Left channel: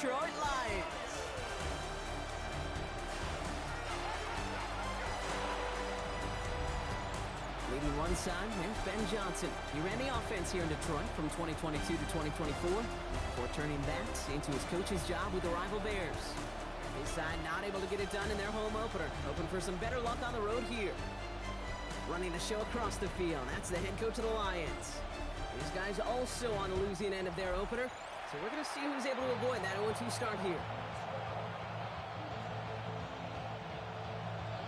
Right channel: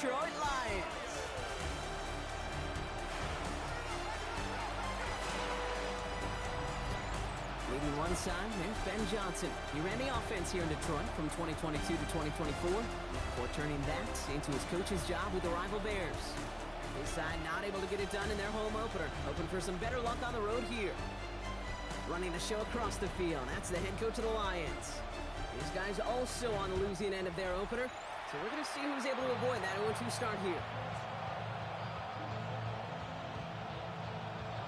Detroit Lions. Leading one side, there's Ben Johnson. He ran the offense here in Detroit from 2022 to 2024, before turning that into his coach's job with the rival Bears. His side not able to get it done in their home opener, hoping for some better luck on the road here. Running the show across the field, that's the head coach of the Lions. These guys also on the losing end of their opener, so we're going to see who's able to avoid that 0-2 start here.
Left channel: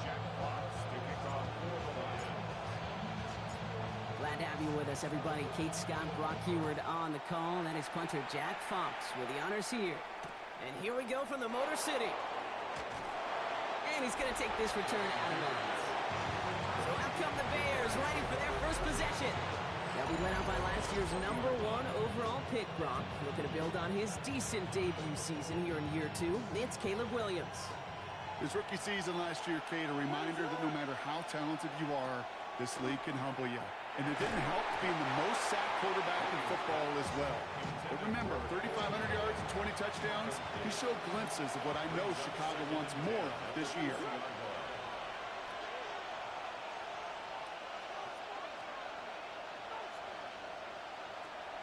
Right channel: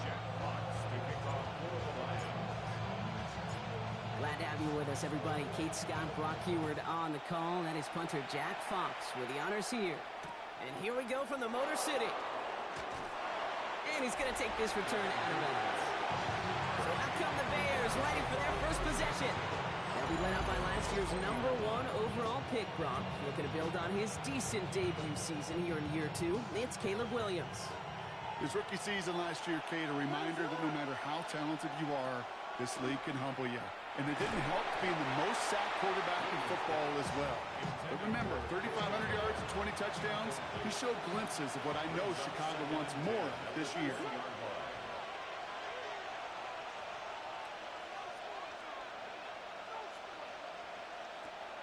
Jack Fox to kick off for the Lions. Glad to have you with us, everybody. Kate Scott, Brock Heward on the call. That is punter Jack Fox with the honors here. And here we go from the Motor City. And he's going to take this return out of bounds. So out come the Bears, ready for their first possession. They'll be led out by last year's #1 overall pick, Brock. Looking to build on his decent debut season here in year 2. It's Caleb Williams. His rookie season last year, Kate, a reminder that no matter how talented you are, this league can humble you. And it didn't help being the most sacked quarterback in football as well. But remember, 3,500 yards and 20 touchdowns, he showed glimpses of what I know Chicago wants more of this year.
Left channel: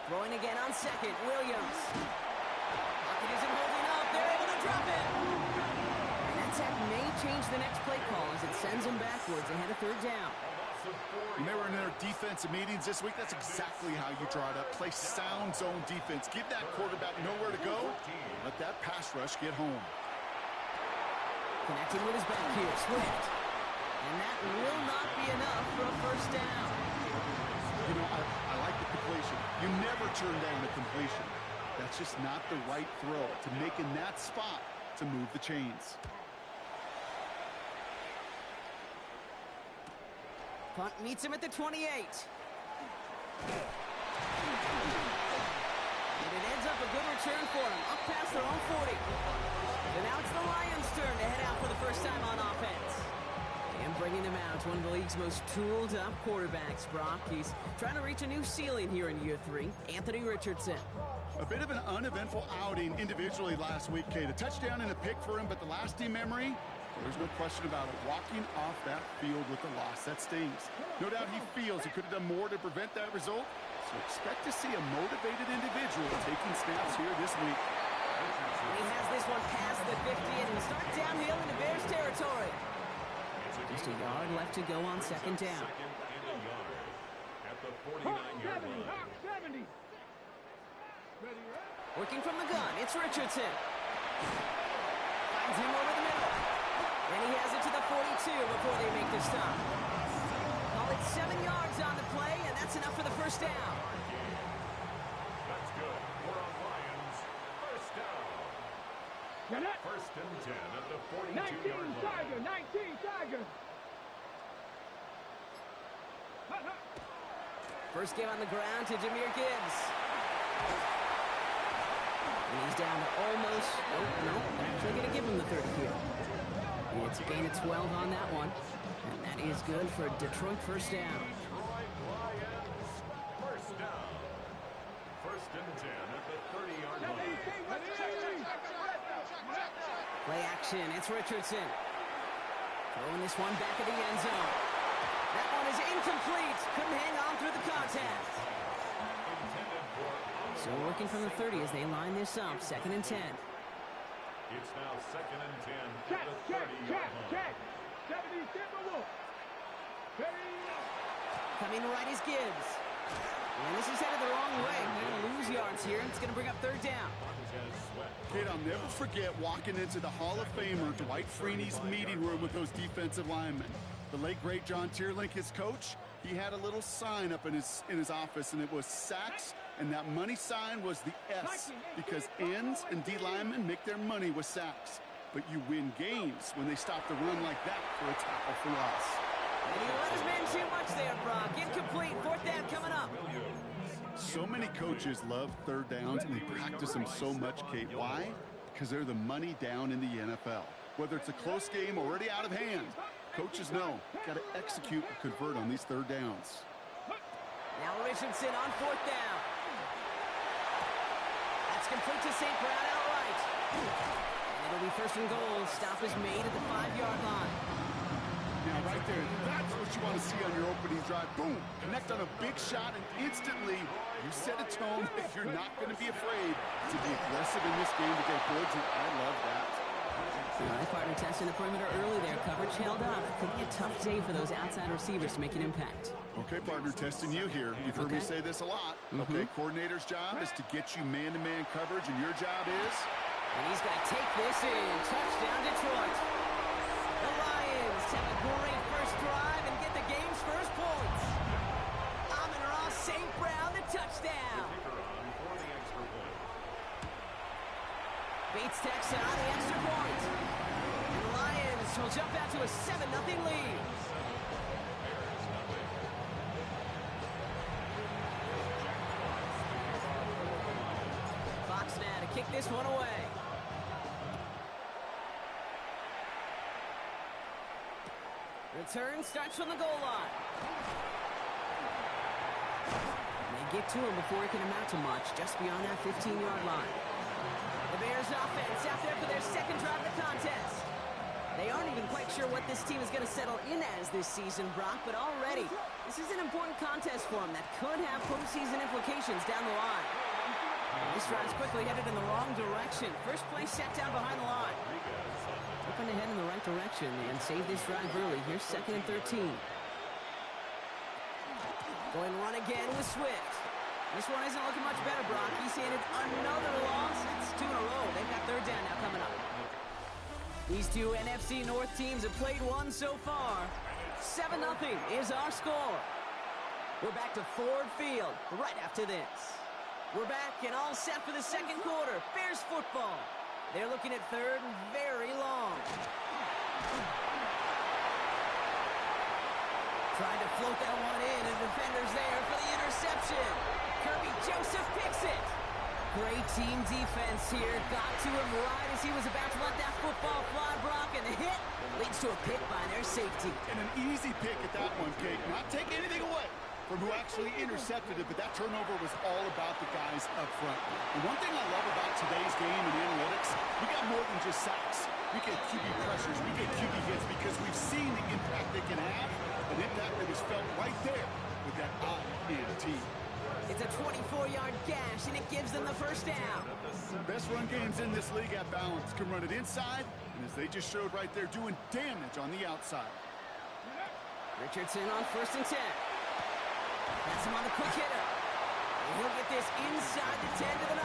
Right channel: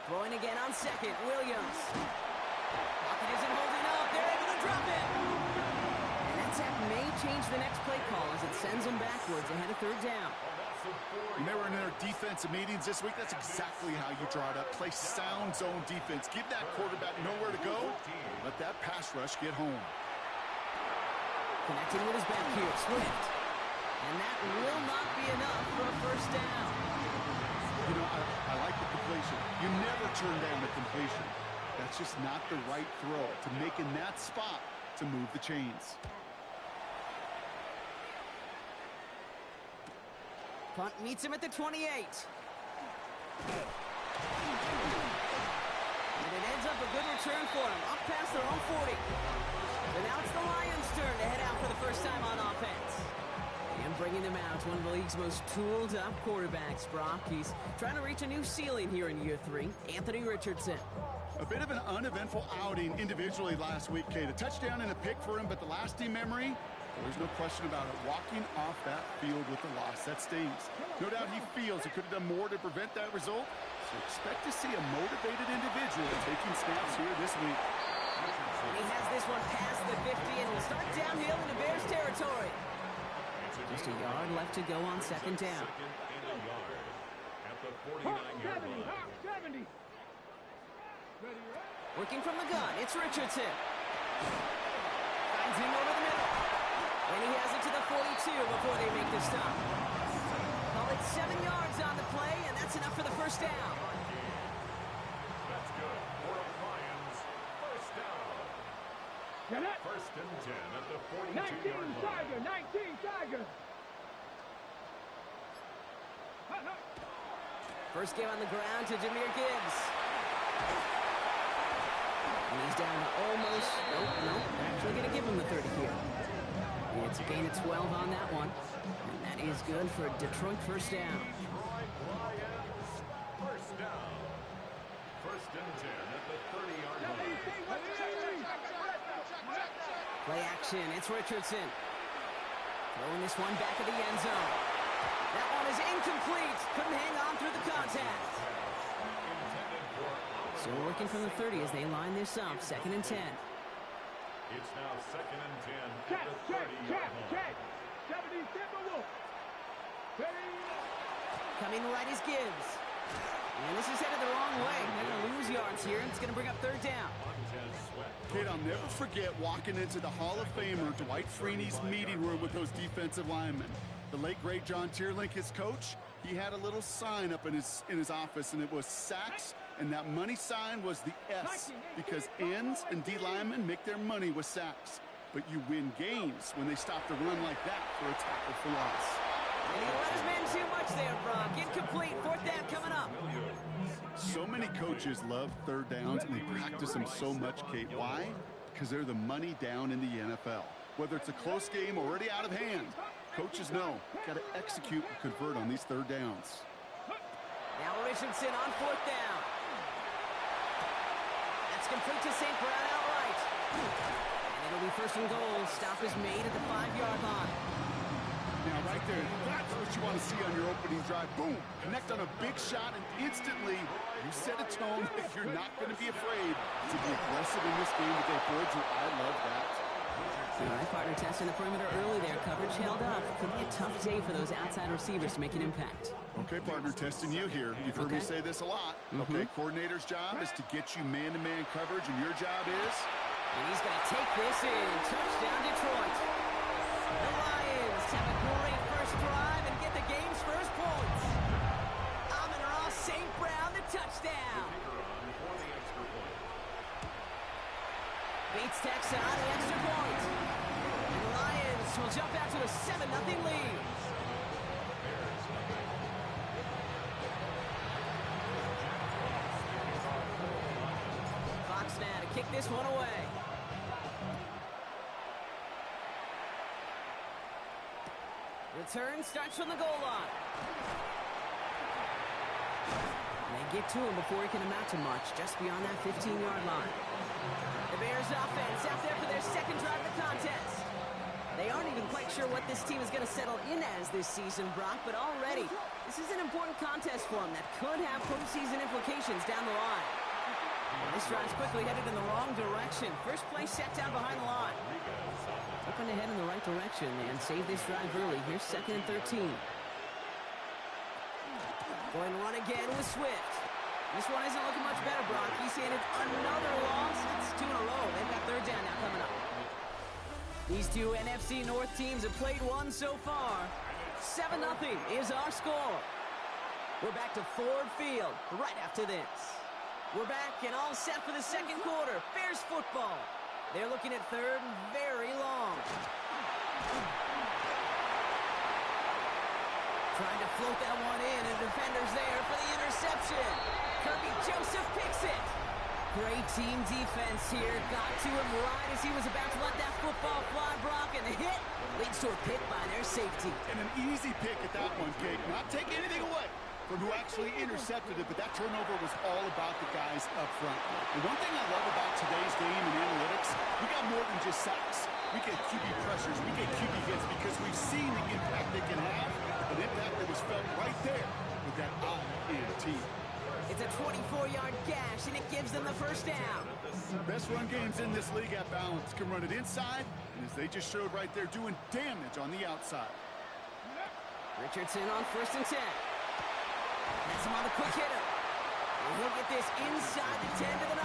Throwing again on second, Williams. Pocket isn't holding up. They're able to drop it. And that sack may change the next play call as it sends them backwards ahead of third down. When they were in their defensive meetings this week, that's exactly how you draw it up. Play sound zone defense. Give that quarterback nowhere to go. Let that pass rush get home. Connecting with his back here, Swift. And that will not be enough for a first down. You know, I like the completion. You never turn down a completion. That's just not the right throw to make in that spot to move the chains. Punt meets him at the 28. And it ends up a good return for him, up past their own 40. So now it's the Lions' turn to head out for the first time on offense. And bringing him out, one of the league's most tooled-up quarterbacks, Brock. He's trying to reach a new ceiling here in year 3. Anthony Richardson. A bit of an uneventful outing individually last week, Kate. A touchdown and a pick for him, but the lasting memory, well, there's no question about it. Walking off that field with a loss, that stings. No doubt he feels he could have done more to prevent that result, so expect to see a motivated individual taking snaps here this week. And he has this one past the 50 and will start downhill into Bears territory. Just a yard left to go on second down. Second and a yard at the 49-yard line. 70. Working from the gun, it's Richardson. Finds him over the middle. And he has it to the 42 before they make the stop. Call it 7 yards on the play, and that's enough for the first down. That's good for a Lions first down. First and 10 at the 42-yard 19 line. Tiger, 19 Tiger. First game on the ground to Jahmyr Gibbs. And he's down to almost, nope, actually going to give him the 30 here. It's a gain of 12 on that one. And that is good for a Detroit first down. Detroit Lions first down. First and 10 at the 30-yard line. Play action, it's Richardson. Throwing this one back at the end zone. That one is incomplete. Couldn't hang on through the contact. So working from the 30 as they line this up, second and 10. It's now second and 10 at Check, the check, 30-yard check, line. check. 70 Timberwolf. Coming right is Gibbs. And this is headed the wrong way. They're going to lose yards here, and it's going to bring up third down. Montez Sweat. Kate, I'll never forget walking into the Hall of Famer Dwight Freeney's meeting room with those defensive linemen. The late, great John Tierlink, his coach, he had a little sign up in his office, and it was sacks, and that money sign was the S, because ends and D linemen make their money with sacks. But you win games when they stop the run like that for a tackle for loss. And he let his man too much there, Brock. Incomplete. Fourth down coming up. So many coaches love third downs, and they practice them so much, Kate. Why? Because they're the money down in the NFL. Whether it's a close game already out of hand, coaches know, got to execute and convert on these third downs. Now Richardson on fourth down. That's complete to St. Brown outright. first and goal. Stop is made at the 5-yard line. Now, right there, that's what you want to see on your opening drive. Boom! Connect on a big shot, and instantly you set a tone that you're not going to be afraid to be aggressive in this game today. Boys, I love that. All right, partner testing the perimeter early there. Coverage held up. Could be a tough day for those outside receivers to make an impact. Okay, partner, testing you here. You've heard me say this a lot. Okay, coordinator's job is to get you man-to-man coverage, and your job is... And he's going to take this in. Touchdown, Detroit. The Lions have a great first drive and get the game's first points. Amon-Ra St. Brown, the touchdown. Bates tacks on the extra point. And the Lions will jump out to a 7-0 lead. Fox now to kick this one away. Return starts from the goal line. They get to him before he can amount to much, just beyond that 15-yard line. The Bears offense out there for their second drive of the contest. They aren't even quite sure what this team is going to settle in as this season, Brock, but already this is an important contest for them that could have postseason implications down the line. And this drive's quickly headed in the wrong direction. First play set down behind the line. Hoping to head in the right direction and save this drive early. Here's 2nd and 13. Going to run again with Swift. This one isn't looking much better, Brock. He's handed another loss. That's 2 in a row. They've got third down now coming up. These two NFC North teams have played one so far. 7-0 is our score. We're back to Ford Field right after this. We're back and all set for the second quarter. Bears football. They're looking at third and very long. Trying to float that one in, and defender's there for the interception. Kirby Joseph picks it. Great team defense here. Got to him right as he was about to let that football fly, Brock, and the hit leads to a pick by their safety. And an easy pick at that one, Kate. Not taking anything away from who actually intercepted it, but that turnover was all about the guys up front. The one thing I love about today's game in analytics, we got more than just sacks. We get QB pressures, we get QB hits because we've seen the impact they can have, an impact that was felt right there with that INT. It's a 24-yard gash, and it gives them the first down. Best run games in this league at balance can run it inside, and as they just showed right there, doing damage on the outside. Richardson on 1st and 10. That's him on the quick hitter. And he'll get this inside the 10 to the 9.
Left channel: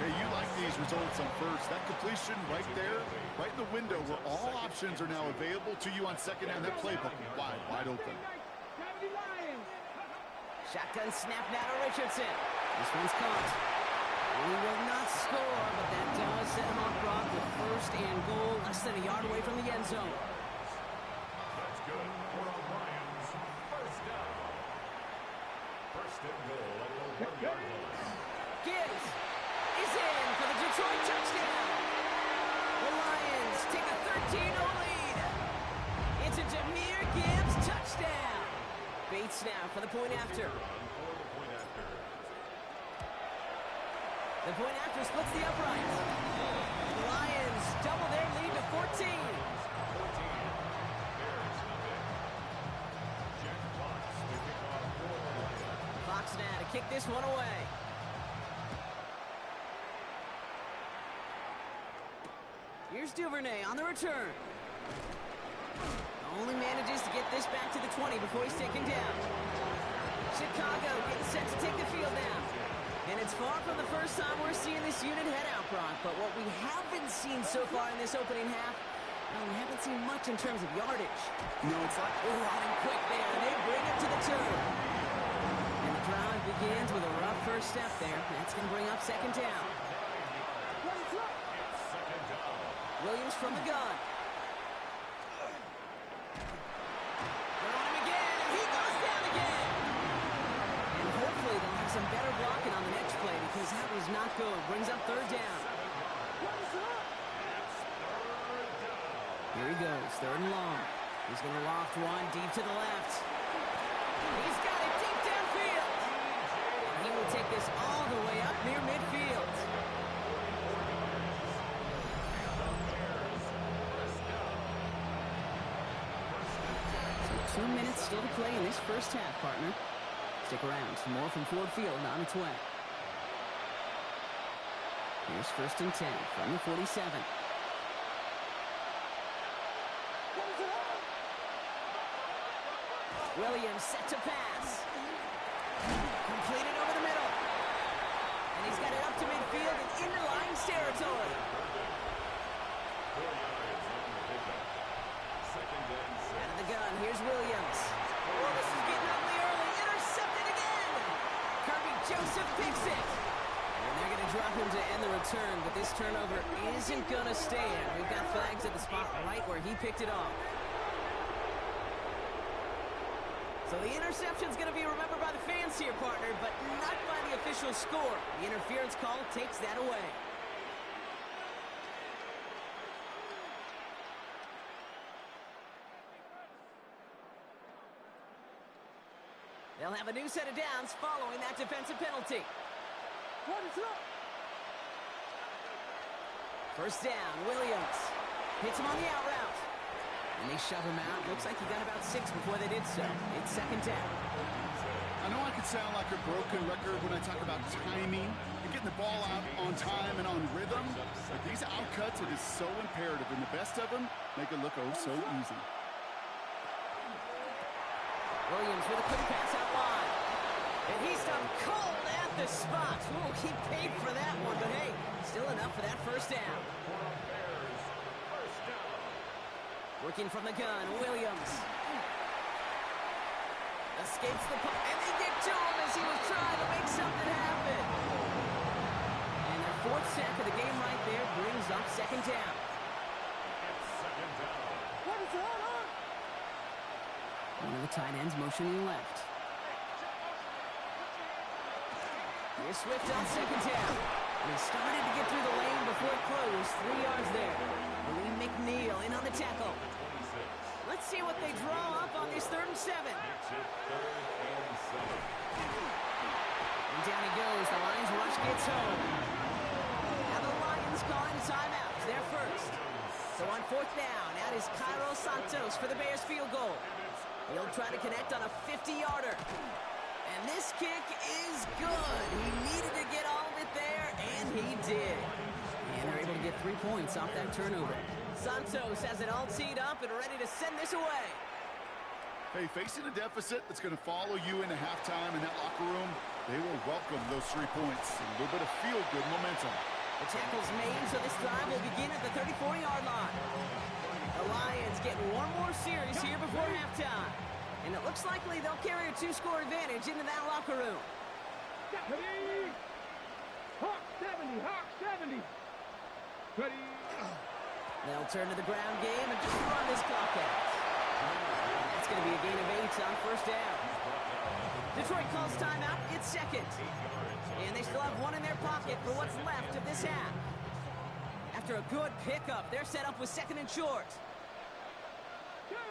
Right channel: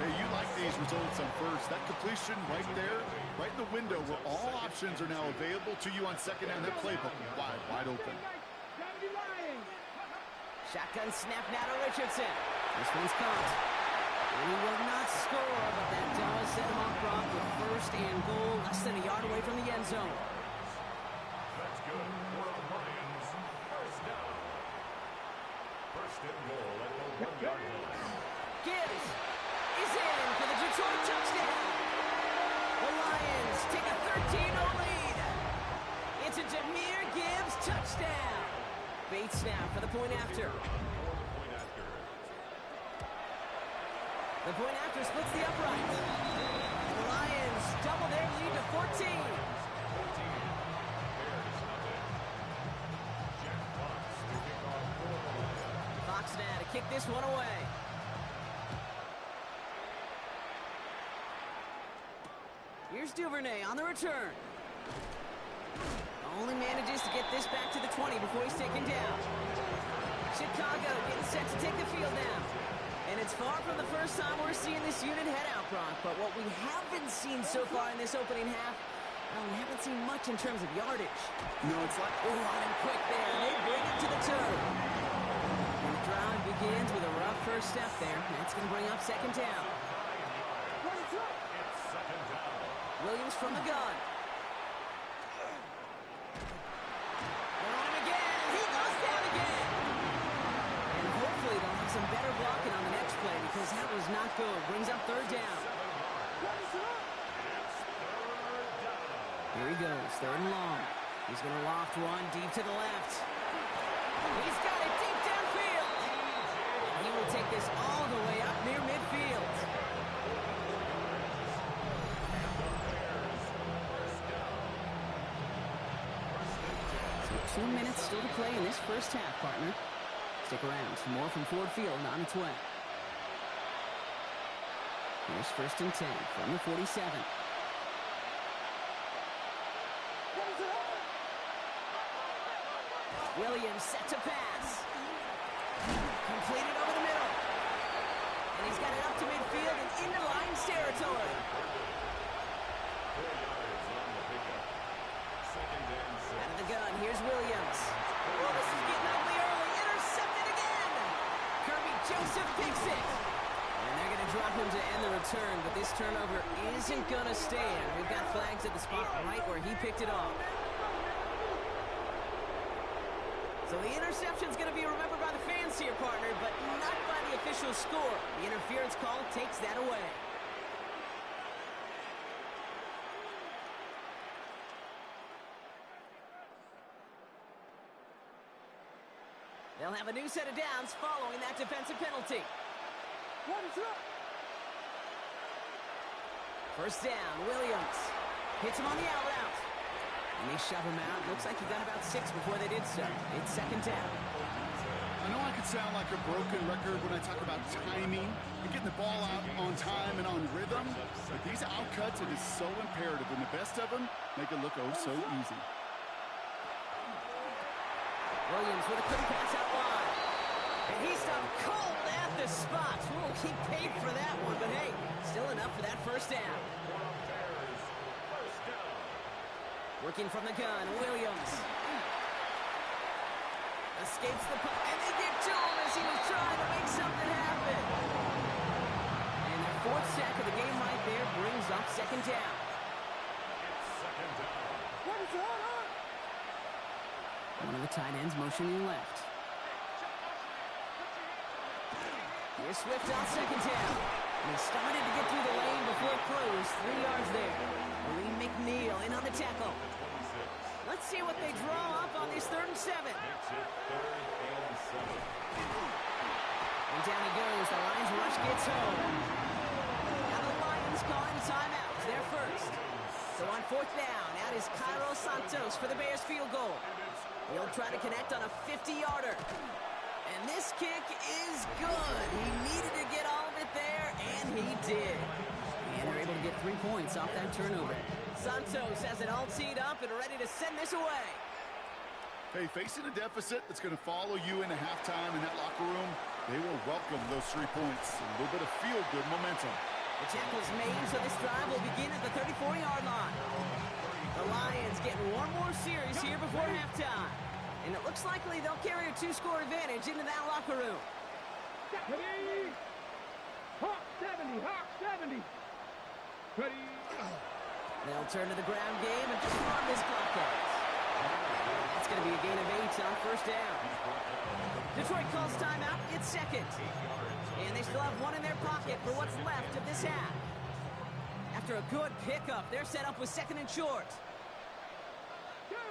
Hey, you like these results on first. That completion right there, right in the window where all options are now available to you on second down. That playbook wide open. Shotgun snap now to Richardson. This one's caught. He will not score, but that does set him off, Brock, with 1st and goal, less than a yard away from the end zone. That's good. We're on Lions. First down. 1st and goal at the 1-yard line. Gibbs is in for the Detroit touchdown. The Lions take a 13-0 lead. It's a Jahmyr Gibbs touchdown. Bates now for the point after. The point after splits the upright. And the Lions double their lead to 14. Bears nothing. Jack Fox to kick off for the Lions. Fox now to kick this one away. Here's Duvernay on the return. Only manages to get this back to the 20 before he's taken down. Chicago getting set to take the field now. And it's far from the first time we're seeing this unit head out, Brock. But what we haven't seen so far in this opening half, well, we haven't seen much in terms of yardage. No, it's like... Oh, on him quick there. They bring him to the turn. And the drive begins with a rough first step there. That's going to bring up 2nd down. It's 2nd down. Williams from the gun. They're on him again, and he goes down again. And hopefully they'll have some better blocking on the next play because that was not good. Brings up 3rd down. Here he goes, 3rd and long. He's going to loft one deep to the left. He's got it deep downfield. And he will take this all the way up near midfield. 2 minutes still to play in this first half, partner. Stick around. Some more from Ford Field on its way. Here's 1st and 10 from the 47. Williams set to pass. Completed over the middle. And he's got it up to midfield and into Lions territory. 4 yards on the pickup. 2nd and 6. Out of the gun, here's Williams. Oh, this is getting ugly early. Intercepted again. Kirby Joseph picks it. And they're going to drop him to end the return, but this turnover isn't going to stand. We've got flags at the spot right where he picked it off. So the interception's going to be remembered by the fans here, partner, but not by the official score. The interference call takes that away. They'll have a new set of downs following that defensive penalty. What is up? 1st down, Williams. Hits him on the out route. And they shove him out. Looks like he got about 6 before they did so. It's 2nd down. I know I could sound like a broken record when I talk about timing and getting the ball out on time and on rhythm, but these out cuts, it is so imperative, and the best of them make it look oh so easy. Williams with a quick pass out wide. And he stopped cold at the spot. Ooh, he paid for that one, but hey, still enough for that 1st down. Bears, 1st down. Working from the gun, Williams. Escapes the puck, and they get to him as he was trying to make something happen. And their 4th sack of the game right there brings up 2nd down. It's 2nd down. What is that? One of the tight ends motioning left. Here's Swift on 2nd down. And he started to get through the lane before it closed. 3 yards there. Lee McNeil in on the tackle. 26. Let's see what they draw up on this 3rd and 7. Makes it 3rd and 7. And down he goes. The Lions rush gets home. Now the Lions calling a timeout. They're first. So on 4th down, out is Cairo Santos for the Bears field goal. He'll try to connect on a 50-yarder. And this kick is good. He needed to get all of it there, and he did. And they're able to get 3 points off that turnover. Santos has it all teed up and ready to send this away. Hey, facing a deficit that's going to follow you into halftime in that locker room, they will welcome those 3 points. A little bit of feel-good momentum. The tackle's made, so this drive will begin at the 34-yard line. The Lions getting one more series here before halftime. And it looks likely they'll carry a 2-score advantage into that locker room. Ready? Hawk 70, Hawk 70. Ready? They'll turn to the ground game and just run this clock out. That's going to be a gain of 8 on 1st down. Detroit calls timeout. It's 2nd. And they still have 1 in their pocket for what's left of this half. After a good pickup, they're set up with 2nd and short. Go!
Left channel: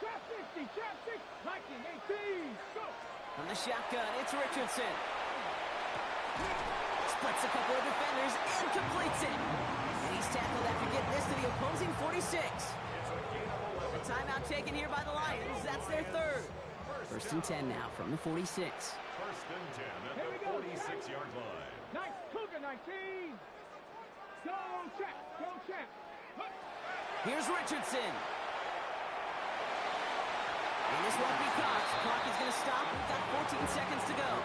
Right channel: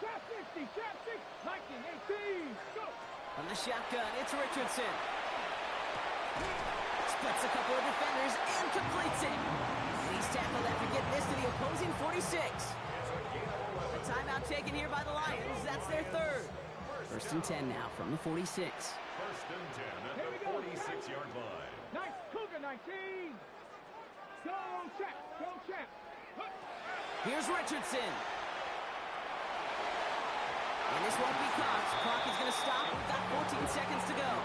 Trap 60, trap 6, 19, 18, go! From the shotgun, it's Richardson. Splits a couple of defenders and completes it. And he's tackled after getting this to the opposing 46. A timeout taken here by the Lions. That's their 3rd. 1st and 10 now from the 46. 1st and 10 at the 46-yard line. Nice, Cougar 19. Go, trap, go, trap. Here's Richardson. And this won't be caught. Clock is going to stop. We've got 14 seconds to go.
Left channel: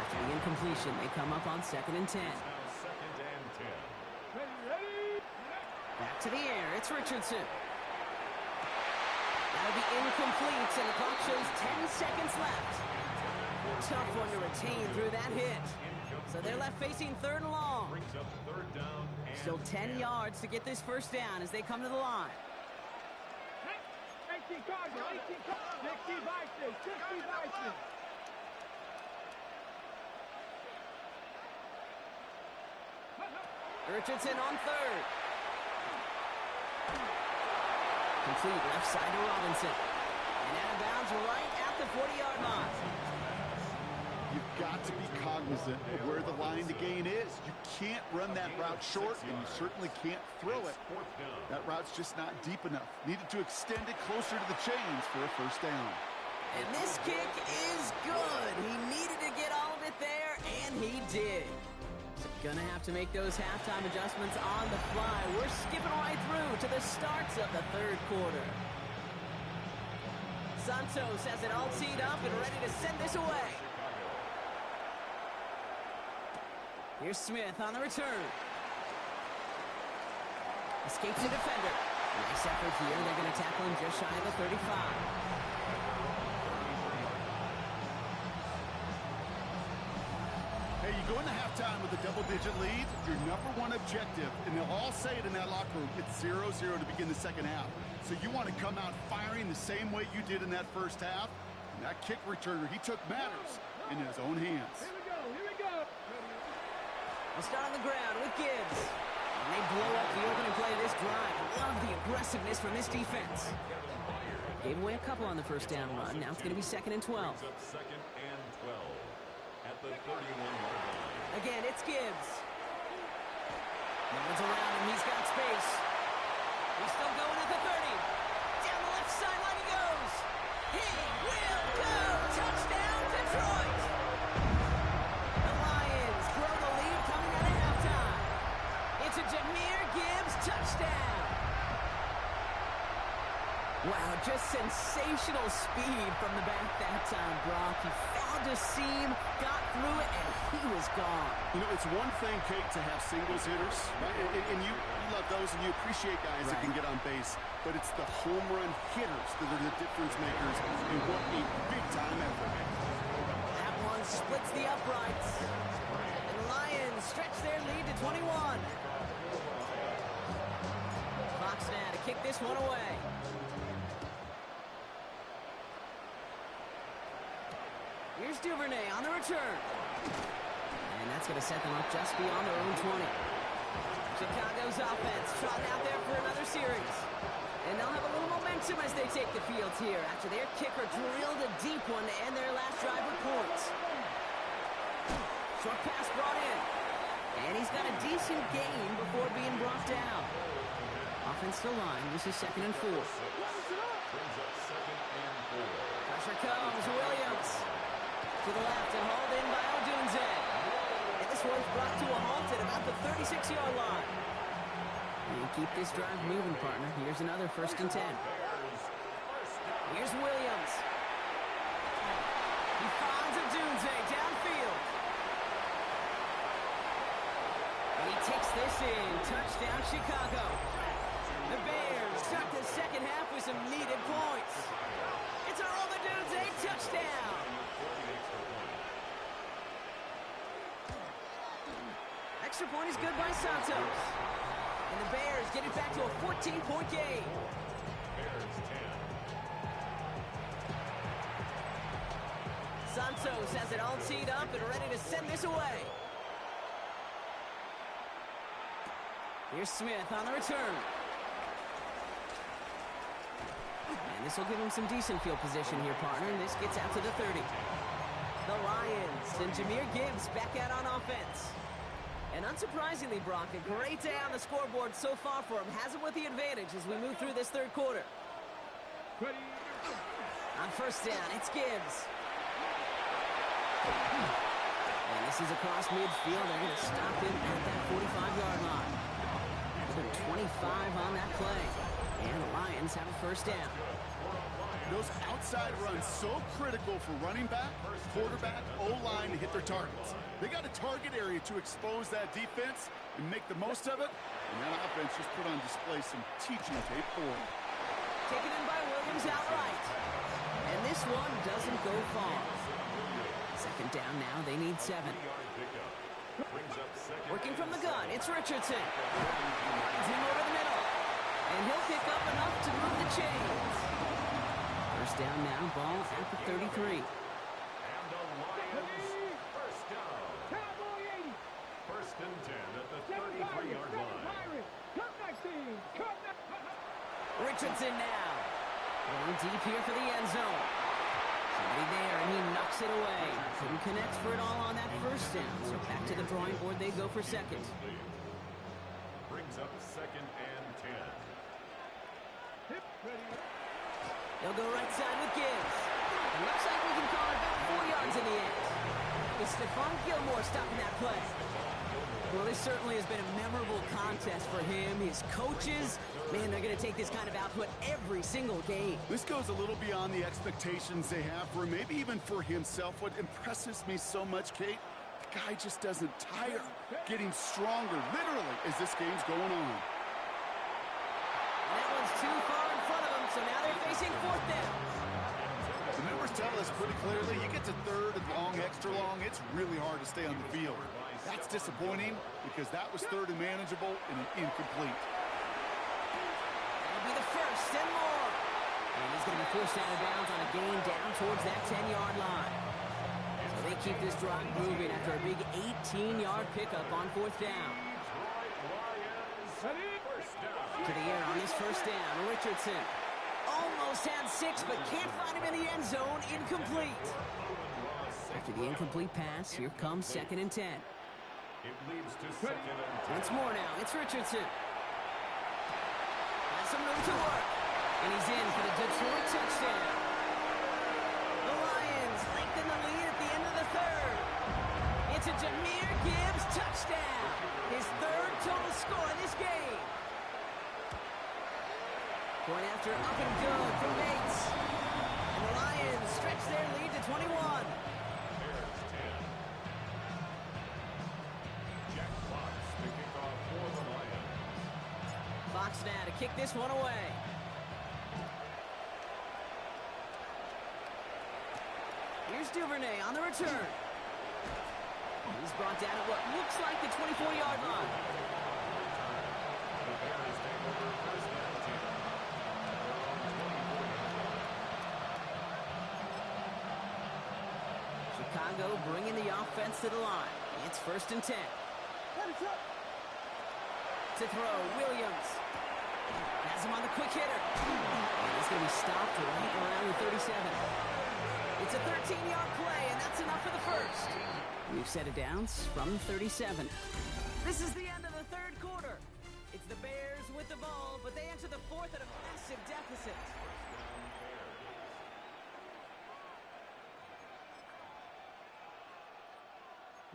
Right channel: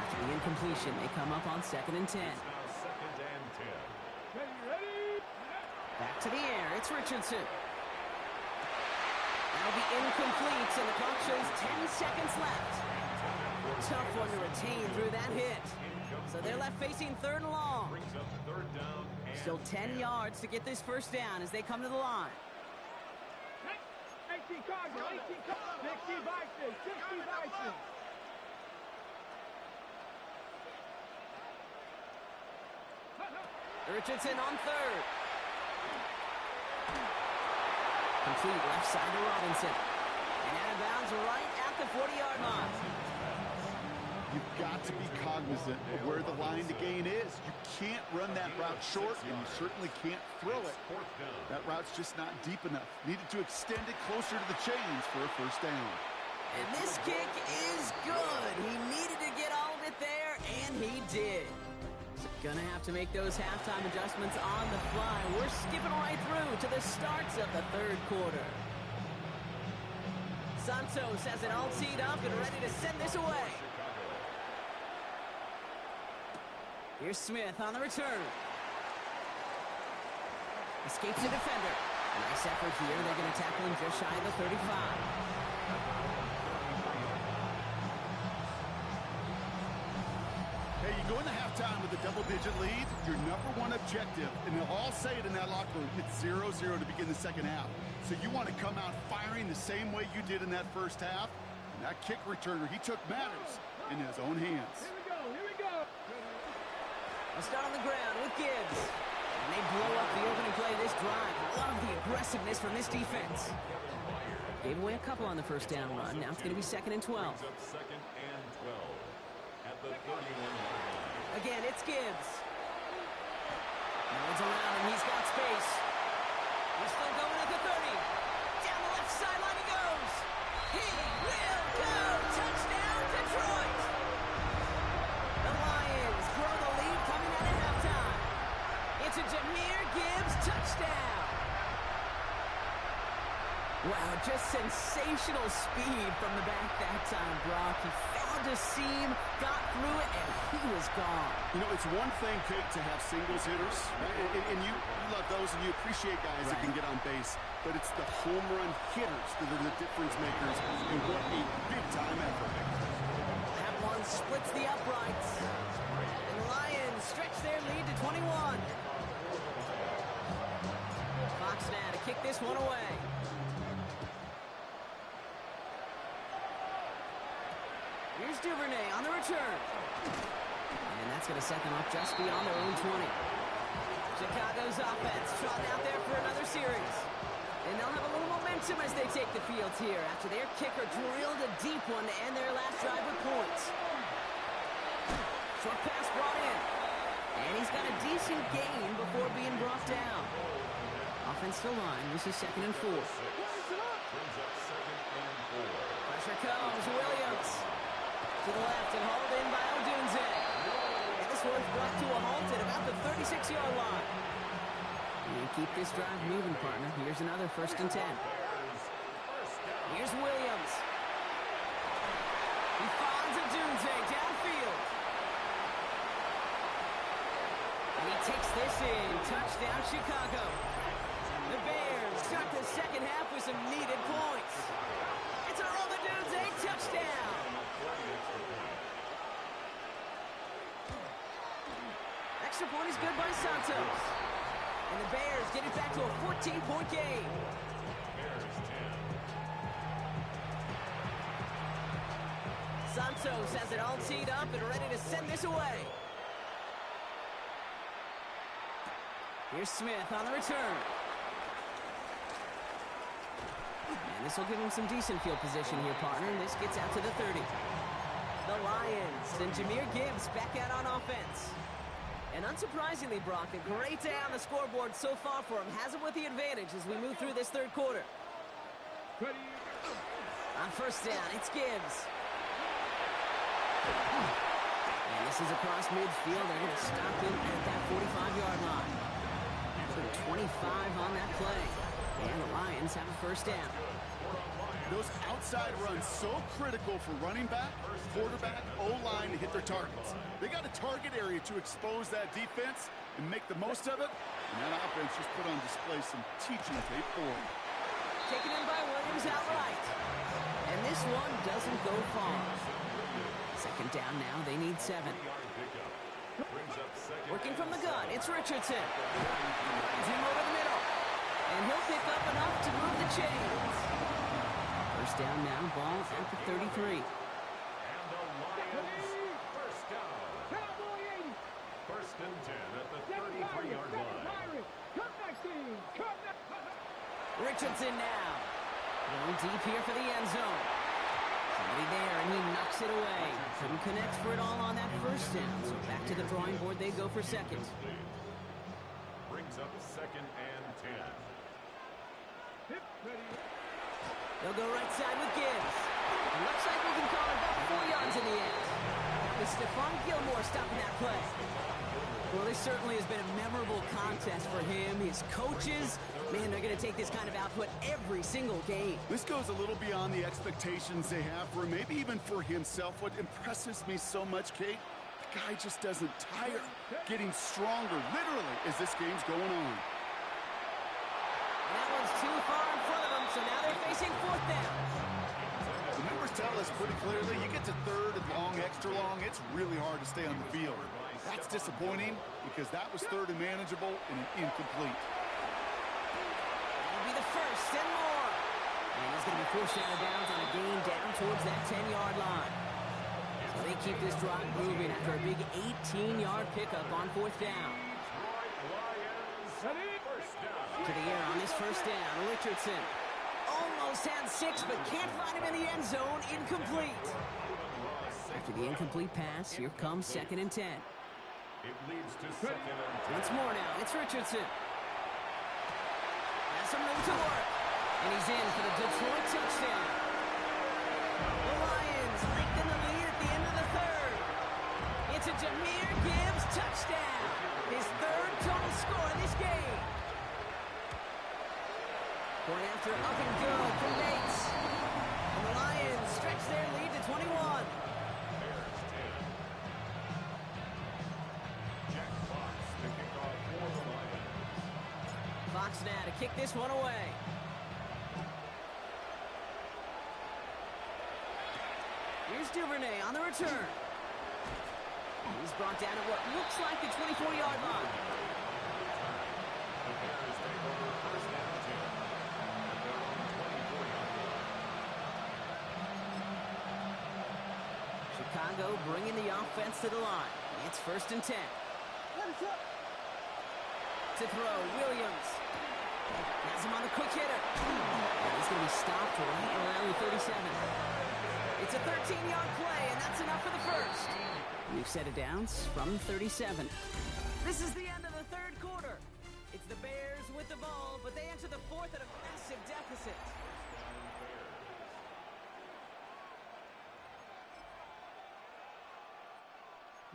After the incompletion, they come up on 2nd and 10. Now 2nd and 10. Ready? Back to the air. It's Richardson. That'll be incomplete, and the clock shows 10 seconds left. Tough one to retain through that hit. So they're left facing 3rd and long. Brings up 3rd down and Still 10 yards to get this 1st down as they come to the line. 18 Cardinals, 18 Cardinals, 60 Bison, 60 Bison. Richardson on 3rd. Complete left side to Robinson. And out of bounds right at the 40-yard line. You've got to be cognizant of where the line to gain is. You can't run that route short, and you certainly can't throw it. That route's just not deep enough. Needed to extend it closer to the chains for a first down. And this kick is good. He needed to get all of it there, and he did. So gonna have to make those halftime adjustments on the fly. We're skipping right through to the starts of the third quarter. Santos has it all teed up and ready to send this away. Here's Smith on the return. Escapes the defender. Nice effort here. They're going to tackle him just shy of the 35. Hey, you go into halftime with a double-digit lead, your number one objective, and they'll all say it in that locker room, it's 0-0 to begin the second half. So you want to come out firing the same way you did in that first half. And that kick returner, he took matters in his own hands. Here we go, here we go. They'll start on the ground with Gibbs. And they blow up the opening play of this drive. Love the aggressiveness from this defense. Gave away a couple on the first down run. Now it's going to be 2nd and 12. Second and 12 at the 31-yard line. Again, it's Gibbs. No one's around him. He's got space. He's still going at the 30. Down the left sideline he goes. He will go. Touchdown, Detroit. The Lions grow the lead coming out of halftime. It's a Jahmyr Gibbs touchdown. Wow, just sensational speed from the back that time, Brock. He found a seam, got through it, and he was gone. You know, it's one thing, Kate, to have singles hitters, right? And you love those, and you appreciate guys that can get on base. But it's the home run hitters that are the difference makers, and what a big-time effort. That one splits the uprights. And the Lions stretch their lead to 21. Fox now to kick this one away. Here's Duvernay on the return. And that's going to set them up just beyond their own 20. Chicago's offense trotting out there for another series. And they'll have a little momentum as they take the field here after their kicker drilled a deep one to end their last drive with points. Short pass brought in. And he's got a decent gain before being brought down. Offensive line, this is 2nd and 4. Brings up 2nd and 4. Pressure comes, Williams. To the left and hauled in by Odunze. And this one's brought to a halt at about the 36-yard line. And keep this drive moving, partner. Here's another 1st and 10. Here's Williams. He finds Odunze downfield. And he takes this in. Touchdown, Chicago. The Bears start the second half with some needed points. It's a Rome Odunze touchdown. Extra point is good by Santos. And the Bears get it back to a 14-point game. Bears 10. Santos has it all teed up and ready to send this away. Here's Smith on the return. And this will give him some decent field position here, partner. And this gets out to the 30. The Lions and Jahmyr Gibbs back out on offense. And unsurprisingly, Brock, a great day on the scoreboard so far for him. Has him with the advantage as we move through this third quarter. On first down, it's Gibbs. And this is across midfield. They're going to stop him at that 45-yard line. Put 25 on that play. And the Lions have a first down. Those outside runs so critical for running back, quarterback, O-line to hit their targets. They got a target area to expose that defense and make the most of it. And that offense just put on display some teaching tape for them. Taken in by Williams outright. And this one doesn't go far. Second down now. They need 7. Working from the gun, it's Richardson. Finds him over the middle. And he'll pick up enough to move the chains. First down now, ball at the 33. And the Lions first down. Cowboy 80. 1st and 10 at the 33-yard line. Come next team. Come next. Richardson now. Going deep here for the end zone. Somebody there, and he knocks it away. Couldn't connect for it all on that first down. So back to the drawing board they go for second. Brings up 2nd and 10. They'll go right side with Gibbs. It looks like we can call it about 4 yards in the end. That was Stephon Gilmore stopping that play. Well, this certainly has been a memorable contest for him. His coaches, man, they're going to take this kind of output every single game. This goes a little beyond the expectations they have for him, maybe even for himself. What impresses me so much, Kate, the guy just doesn't tire, getting stronger, literally, as this game's going on. And that one's too far in front of them, so now they're facing 4th down. The numbers tell us pretty clearly, you get to 3rd and long, extra long, it's really hard to stay on the field. That's disappointing because that was 3rd and manageable and an incomplete. That'll be the first and more. And he's going to be forced out of bounds on a gain down towards that 10-yard line. So they keep this drive moving after a big 18-yard pickup on 4th down. To the air on this first down, Richardson. Almost had 6, but can't find him in the end zone. Incomplete. After the incomplete pass, here comes 2nd and 10. It leads to 2nd and 10. Once more now, it's Richardson. Has some room to work. And he's in for the Detroit touchdown. The Lions lengthen the lead at the end of the 3rd. It's a Jahmyr Gibbs touchdown. His 3rd total score in this game. Going after up and good from Bates. And the Lions stretch their lead to 21. Bears 10. Jack Fox to kick off for the Lions. Fox now to kick this one away. Here's Duvernay on the return. He's brought down at what looks like the 24-yard line. The Bears take over 1st and 10 at their own 24-yard line. Chicago bringing the offense to the line. It's 1st and 10. To throw, Williams. Has him on the quick hitter. And he's going to be stopped right around the 37. It's a 13-yard play, and that's enough for the first. We've set it down from 37. This is the end of the 3rd quarter. It's the Bears with the ball, but they enter the 4th at a massive deficit.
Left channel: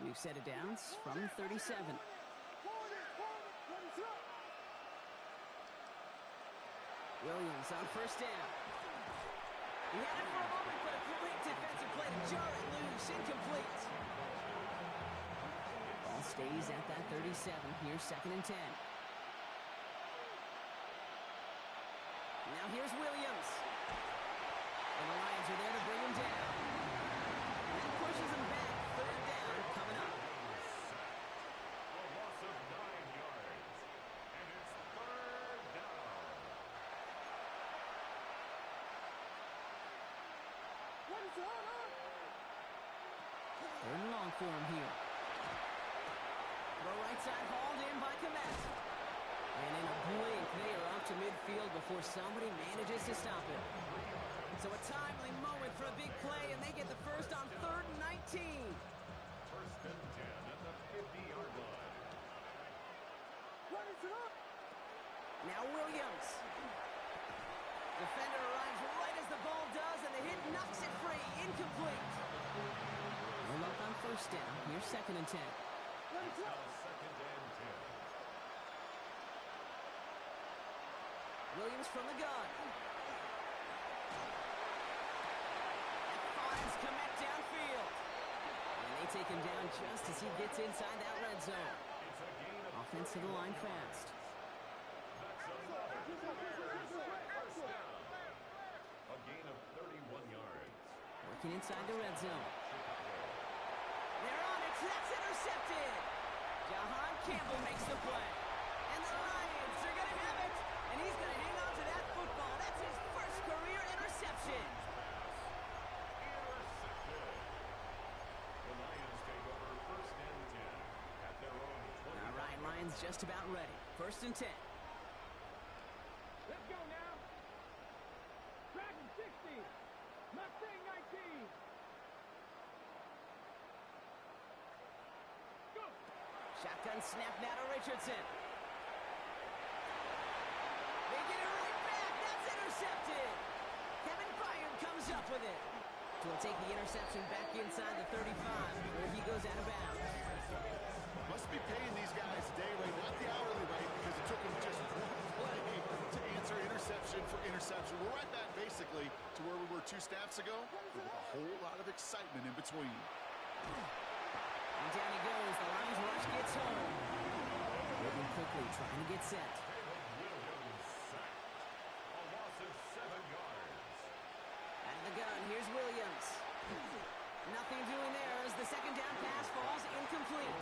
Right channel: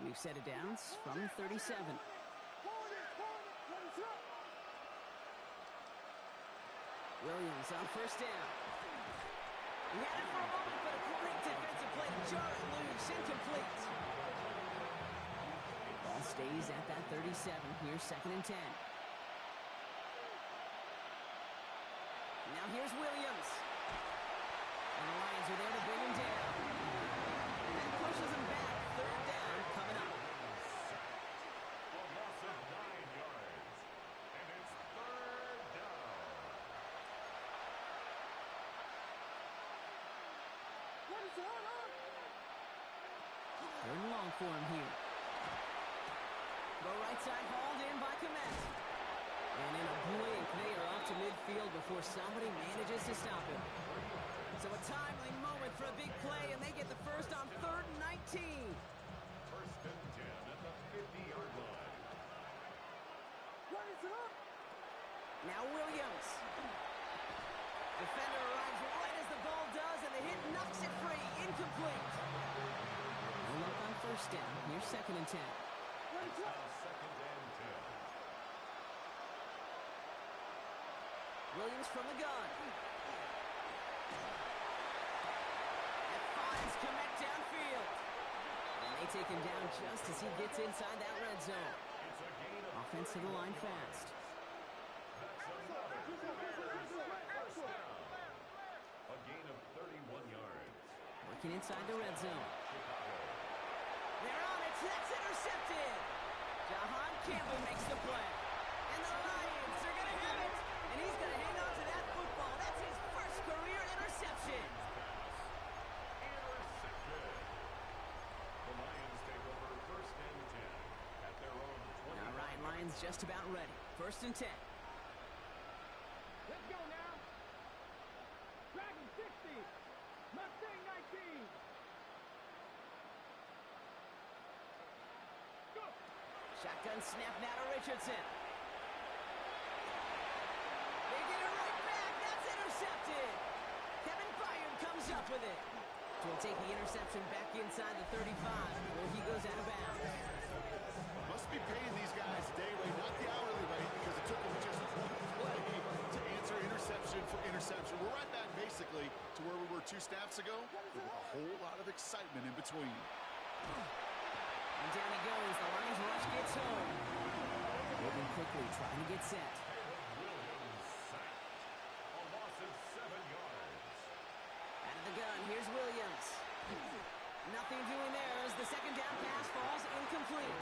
We've set it down from 37. Williams on 1st down. He had it for a moment, but a great defensive play to jar it loose. Incomplete. Ball stays at that 37. Here's 2nd and 10. Now here's Williams. And the Lions are there to bring him down. And that pushes him back. 3rd down coming up. A loss of 9 yards. And it's 3rd down. Third and long for him here. Throw right side hauled in by Kmet. And in a blink, they are off to midfield before somebody manages to stop him. So a timely moment for a big play, and they get the first on 3rd and 19. 1st and 10 at the 50-yard line. Now Williams. Defender arrives right as the ball does, and the hit knocks it free. Incomplete. No luck on 1st down. Here's 2nd and 10. It's now 2nd and 10. Williams from the gun. That finds Kmet downfield. And they take him down just as he gets inside that red zone. It's a gain of Offense to the line fast. That's another Bears first down. A gain of 31 yards. Working inside the red zone. Chicago. They're on it. That's intercepted. Jahan Campbell makes the play. And the Lions are going to have it. And he's going to hang on to that football. That's his first career interception. Intercepted. The Lions take over 1st and 10 at their own 20. All right, Lions just about ready. 1st and 10. Let's go now. Dragon 60. Mustang 19. 18. Go. Shotgun snap now to Richardson. They get it right back. That's intercepted. Kevin Byard comes up with it. So we'll take the interception back inside the 35 where he goes out of bounds. Must be paying these guys day rate, not the hourly rate, because it took them just one play to answer interception for interception. We're right back basically to where we were 2 snaps ago, but with a whole lot of excitement in between. And down he goes. The Lions rush gets home. Moving quickly, trying to get set. Caleb Williams sacked. A loss of 7 yards. Out of the gun, here's Williams. Nothing doing there as the second down pass falls incomplete.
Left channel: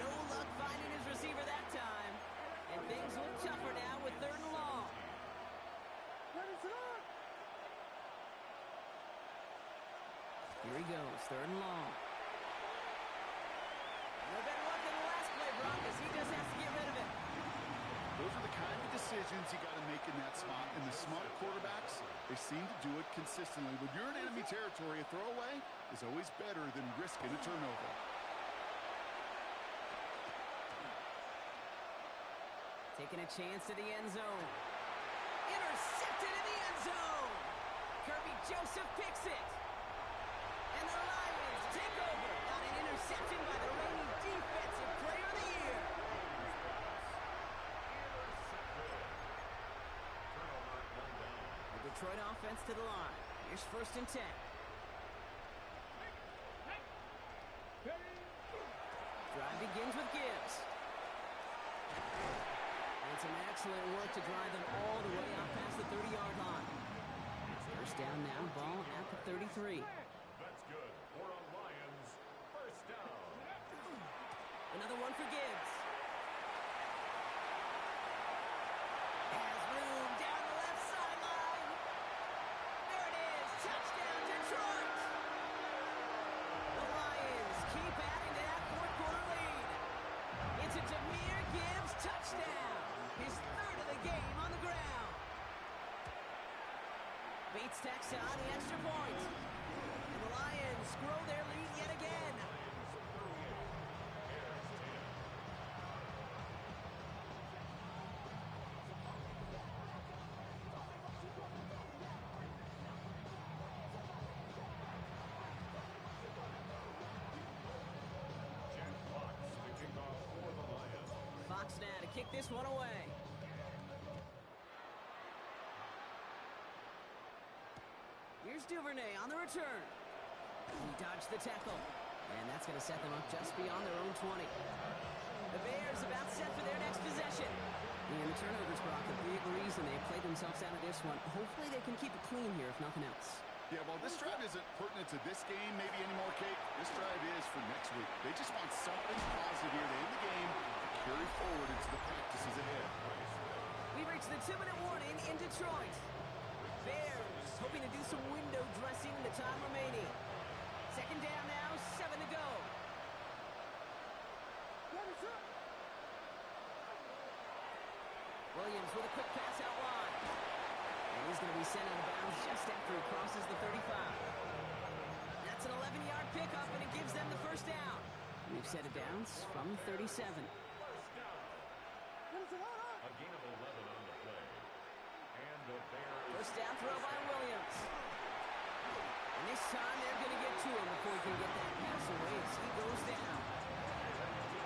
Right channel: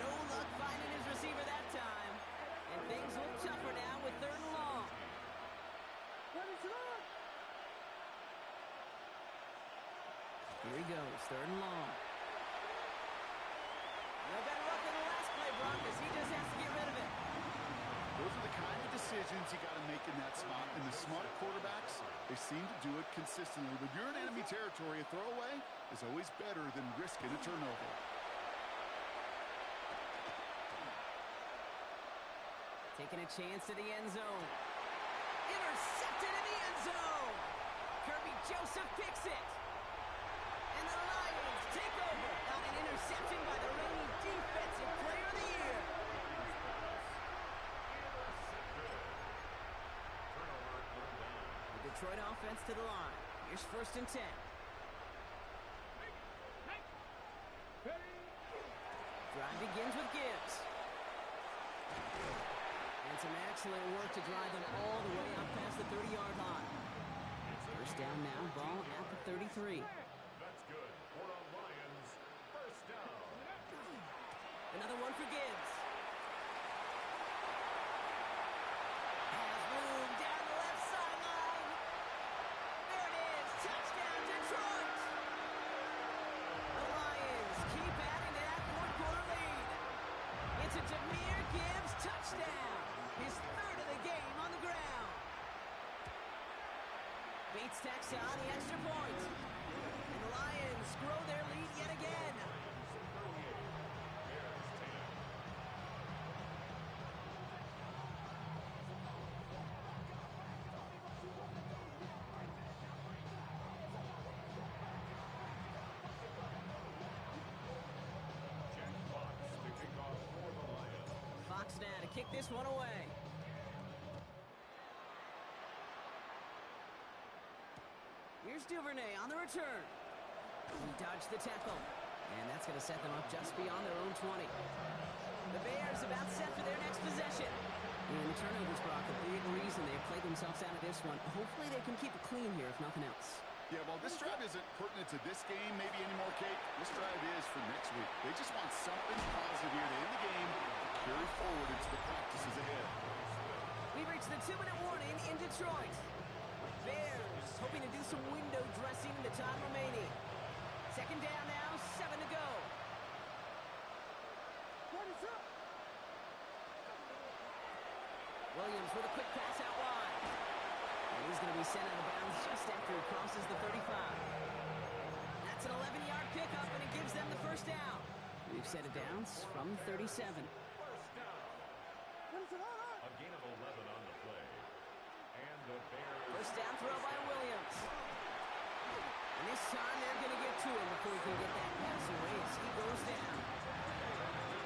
No luck finding his receiver that time. And things look tougher now with 3rd and long. Here he goes, 3rd and long. No better luck than the last play, Brock, as he just has to get rid of it. Those are the kind of decisions you got to make in that spot. And the smart quarterbacks, they seem to do it consistently. When you're in enemy territory, a throwaway is always better than risking a turnover. Taking a chance to the end zone. Intercepted in the end zone. Kirby Joseph picks it. And the Lions take over on an interception by the reigning Defensive Player of the Year. The Detroit offense to the line. Here's 1st and 10. Drive begins with Gibbs. And some excellent work to drive them all the way out past the 30-yard line. 1st down now, ball at the 33. That's good. For a Lions 1st down. Another one for Gibbs. Has room down the left sideline. There it is. Touchdown, Detroit. The Lions keep adding to that 4th-quarter lead. It's a Jahmyr Gibbs touchdown. His 3rd of the game on the ground. Bates tacks on the extra point. And the Lions grow their lead yet again. Jack Fox to kick off for the Lions. Fox now to kick this one away. Here's Duvernay on the return. He dodged the tackle. And that's going to set them up just beyond their own 20. The Bears about set for their next possession. And the turnovers, Brock, a big reason they've played themselves out of this one. Hopefully they can keep it clean here, if nothing else. Yeah, well, this drive isn't pertinent to this game, maybe anymore, Kate. This drive is for next week. They just want something positive here to end the game to carry forward into the practices ahead. We've reached the 2-minute warning in Detroit. Bears hoping to do some window dressing in the time remaining. 2nd down now, 7 to go. Williams with a quick pass out wide. And he's going to be sent out of bounds just after he crosses the 35. That's an 11-yard pickup, and it gives them the 1st down. We've set it down from 37. 1st down. A gain of 11 on the play. And the Bears. 1st down throw by Williams. And this time they're going to get to him before he can get that pass away as he goes down.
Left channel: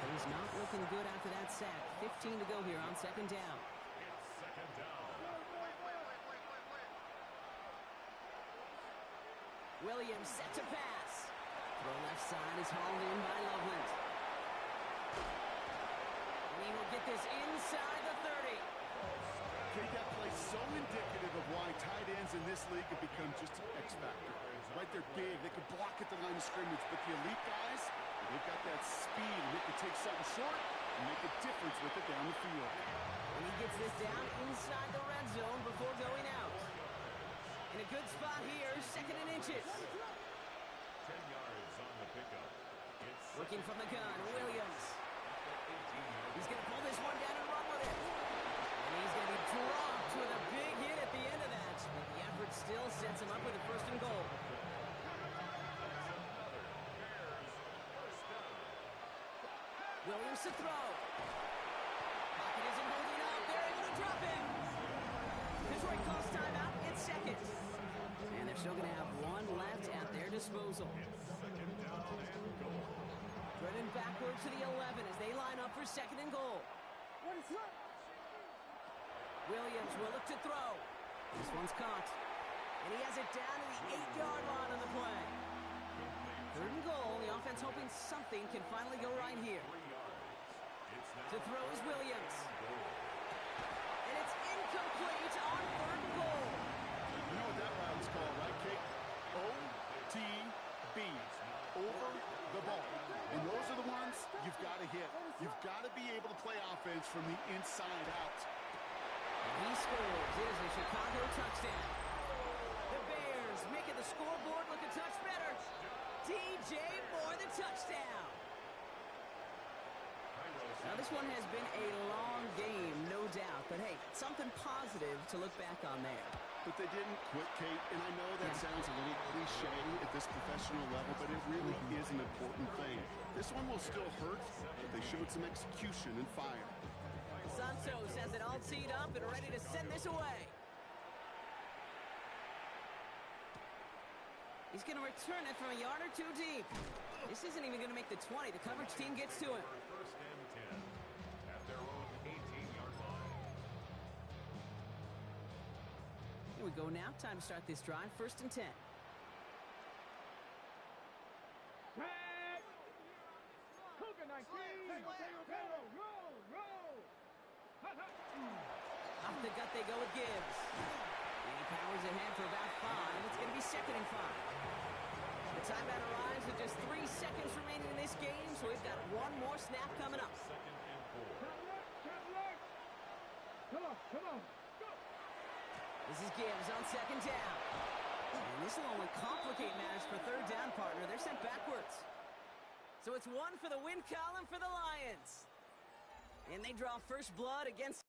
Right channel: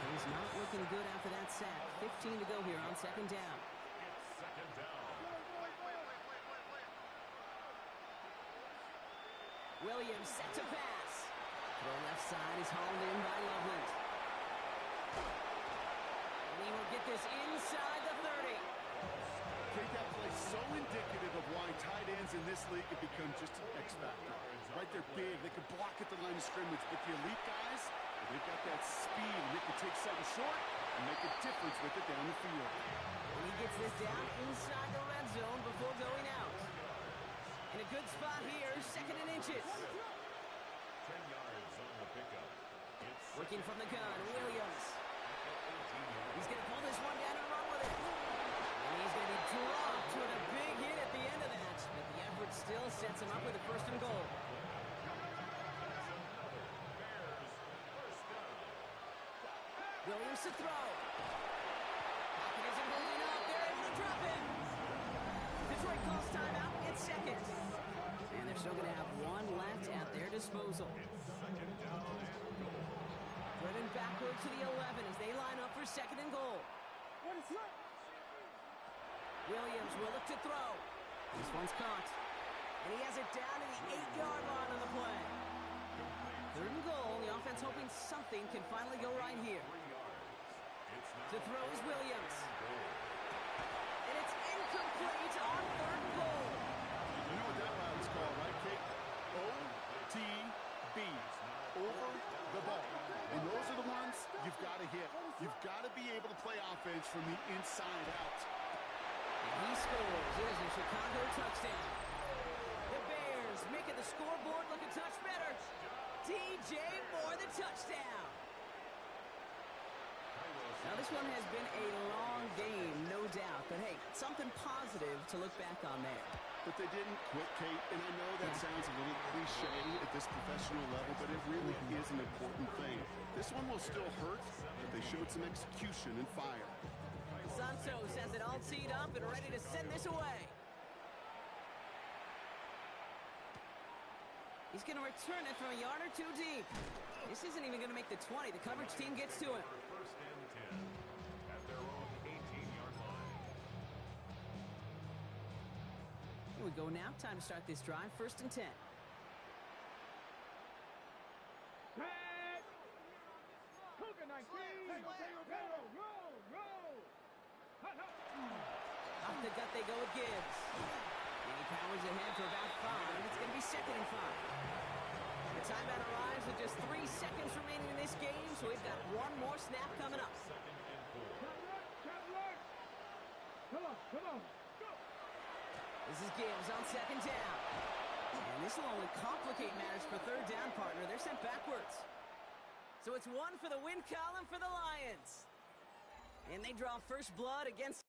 Things not looking good after that sack. 15 to go here on 2nd down. It's 2nd down. Williams set to pass. Throw left side is hauled in by Loveland. And he will get this inside the 30. Kate, that play so indicative of why tight ends in this league have become just an X factor. Right, they're big, they can block at the line of scrimmage, but the elite guys, they've got that speed, and they can take something short and make a difference with it down the field. And he gets this down inside the red zone before going out. In a good spot here, 2nd and inches. 10 yards on the pickup. It's Working from the gun, Williams. He's going to pull this one down and run with it. And he's going to be dropped with a big hit at the end of that. But the effort backward still sets him up with a first and goal. Williams to throw. Pocket isn't holding up. They're able to drop him. Detroit calls timeout. It's seconds. And they're still going to have one left at their disposal. Driven backward to the 11 as they line up for second and goal. Williams will look to throw. This one's caught. And he has it down to the 8-yard line on the play. Third and goal. The offense hoping something can finally go right here. To throw is Williams. And it's incomplete on third and goal. You know what that route is called, right, Kate? OTB. Over the ball. And those are the ones you've got to hit. You've got to be able to play offense from the inside out. And he scores. It is a Chicago touchdown. The Bears making the scoreboard look a touch better. DJ Moore, the touchdown. Now, this one has been a long game, no doubt. But, hey, something positive to look back on there. But they didn't quit, Kate, and I know that sounds a little cliche at this professional level, but it really is an important thing. This one will still hurt, but they showed some execution and fire. Santos has it all teed up and ready to send this away. He's going to return it from a yard or two deep. This isn't even going to make the 20. The coverage team gets to him. First and 10 at their own 18-yard line. Here we go now. Time to start this drive. First and 10. Tag. Cougar 19. Roll. Hut. Off the gut they go with Gibbs. And he powers ahead for about 5. It's going to be second and 5. The timeout arrives with just 3 seconds remaining in this game, so we've got one more snap coming up. Second and 4. Come on. Go. This is Gibbs on second down. And this will only complicate matters for third down, partner. They're sent backwards. So it's one for the win column for the Lions. And they draw first blood against